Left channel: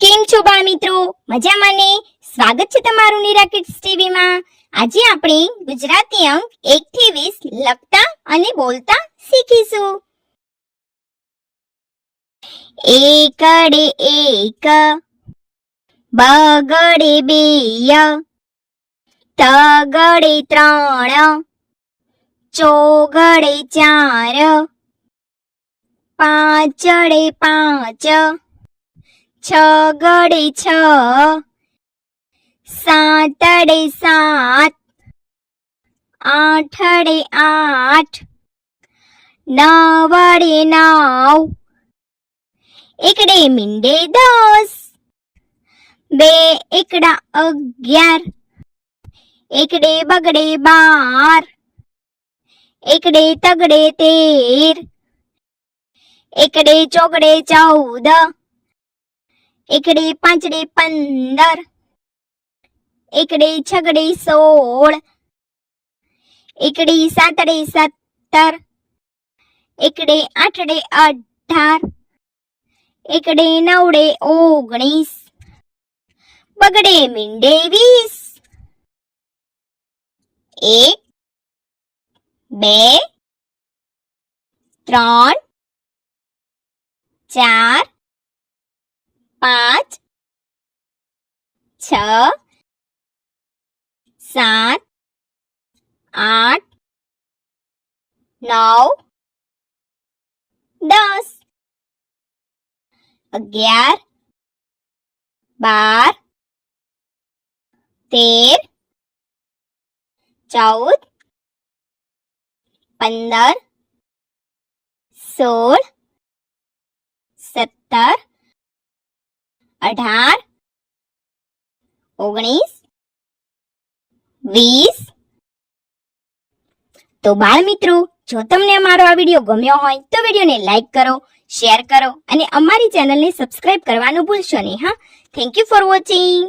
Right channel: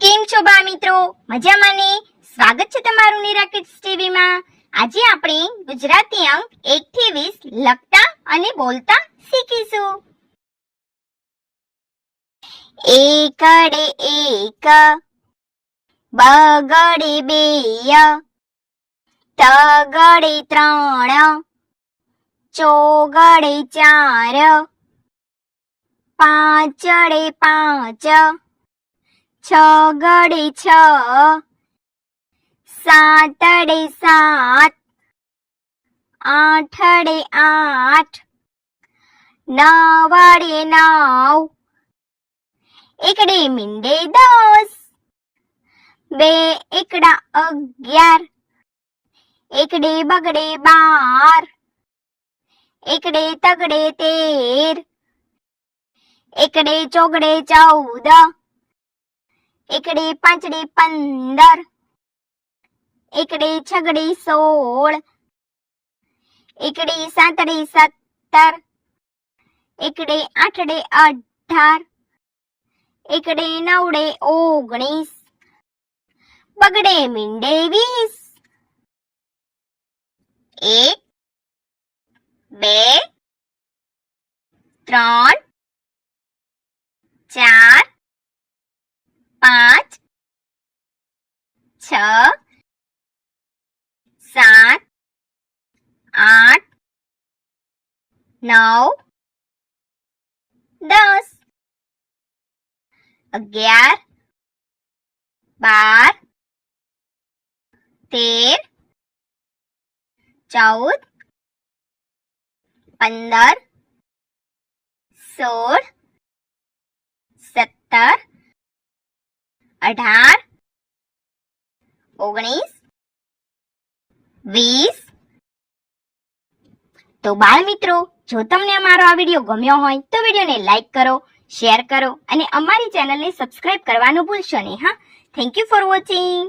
કેમ છો બા મિત્રો? મજામાં ને? સ્વાગત છે તમારું નીરા કિડ્સ ટીવી માં. આજે આપણે ગુજરાતી અંક 1 થી 20 લખતા અને બોલતા શીખીશું. એકડે એક, બગડે બે, તગડે ત્રણ, ચોગડે ચાર, પાંચડે પાંચ, છગડે છ, સાતડે સાત, આઠડે આઠ, નવડે નવ, એકડે મીંડે 10, બે એકડા 11, એકડે બગડે 12, એકડે તગડે 13, એકડે ચોગડે 14, એકડે પાંચડે 15, એકડે છગડે 16, એકડે સાતડે 17, એકડે આઠડે 18, એકડે નવડે 19, બગડે મીંડે 20. 1, 2, 3, 4, 5, 6, 7, 8, 9, 10, 11, 12, 13, 14, 15, 16, 17, 18, 19, 20. તો બાળ મિત્રો, જો તમને અમારો આ વિડીયો ગમ્યો હોય તો વિડીયોને લાઈક કરો, શેર કરો અને અમારી ચેનલને સબસ્ક્રાઇબ કરવાનું ભૂલશો નહીં. હા, થેન્ક યુ ફોર વોચિંગ.